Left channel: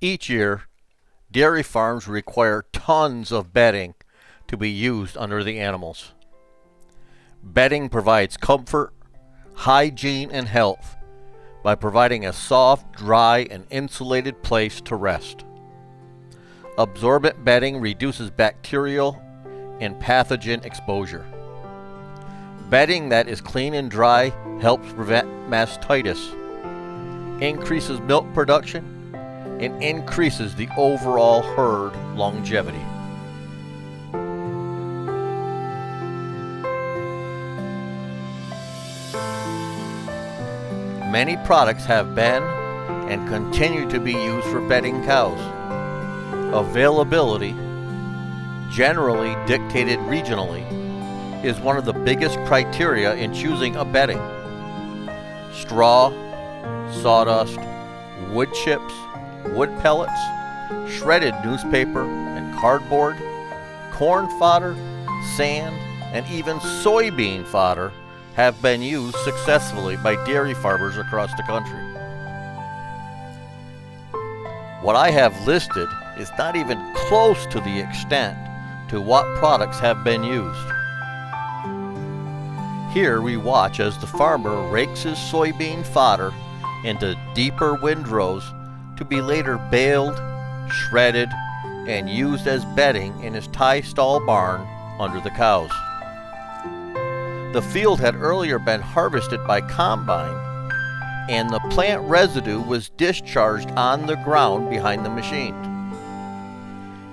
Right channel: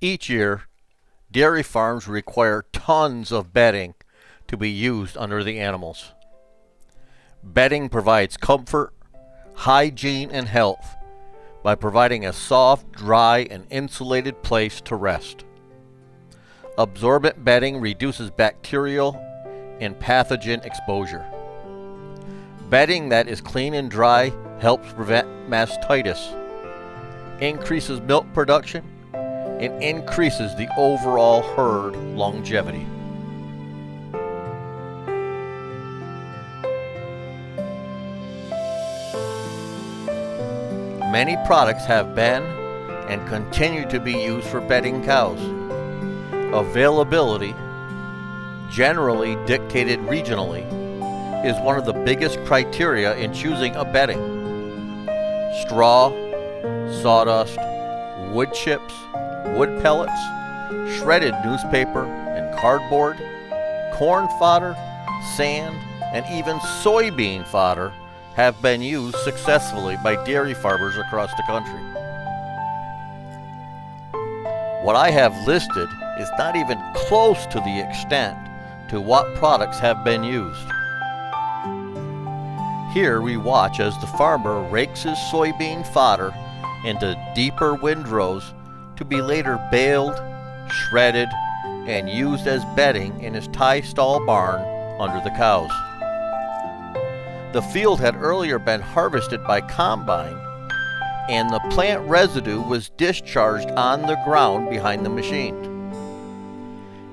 Each year, dairy farms require tons of bedding to be used under the animals. Bedding provides comfort, hygiene, and health by providing a soft, dry, and insulated place to rest. Absorbent bedding reduces bacterial and pathogen exposure. Bedding that is clean and dry helps prevent mastitis, increases milk production, and increases the overall herd longevity. Many products have been and continue to be used for bedding cows. Availability, generally dictated regionally, is one of the biggest criteria in choosing a bedding. Straw, sawdust, wood chips, wood pellets, shredded newspaper and cardboard, corn fodder, sand, and even soybean fodder have been used successfully by dairy farmers across the country. What I have listed is not even close to the extent to what products have been used. Here we watch as the farmer rakes his soybean fodder into deeper windrows to be later baled, shredded, and used as bedding in his tie stall barn under the cows. The field had earlier been harvested by combine, and the plant residue was discharged on the ground behind the machine.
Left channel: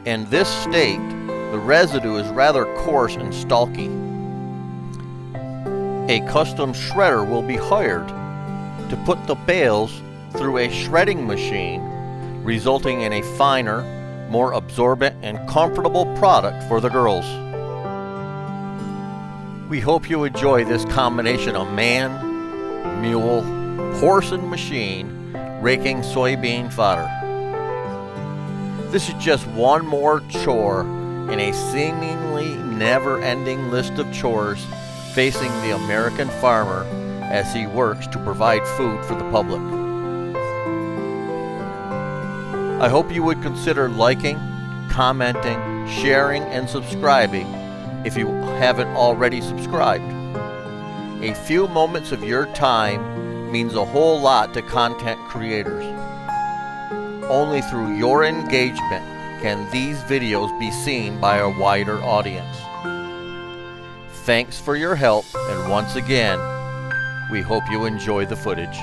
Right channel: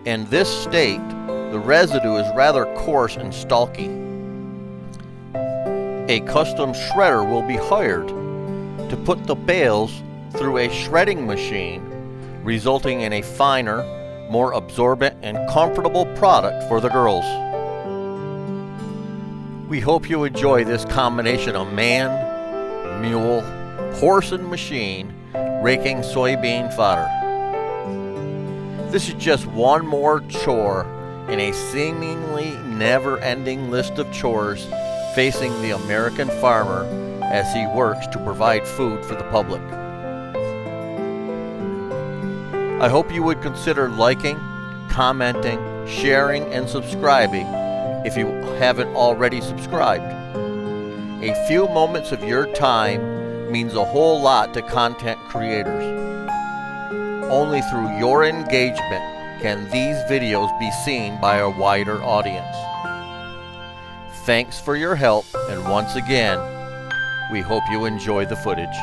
In this state, the residue is rather coarse and stalky. A custom shredder will be hired to put the bales through a shredding machine, resulting in a finer, more absorbent and comfortable product for the girls. We hope you enjoy this combination of man, mule, horse and machine raking soybean fodder. This is just one more chore in a seemingly never-ending list of chores facing the American farmer as he works to provide food for the public. I hope you would consider liking, commenting, sharing, and subscribing if you haven't already subscribed. A few moments of your time means a whole lot to content creators. Only through your engagement can these videos be seen by a wider audience. Thanks for your help, and once again, we hope you enjoy the footage.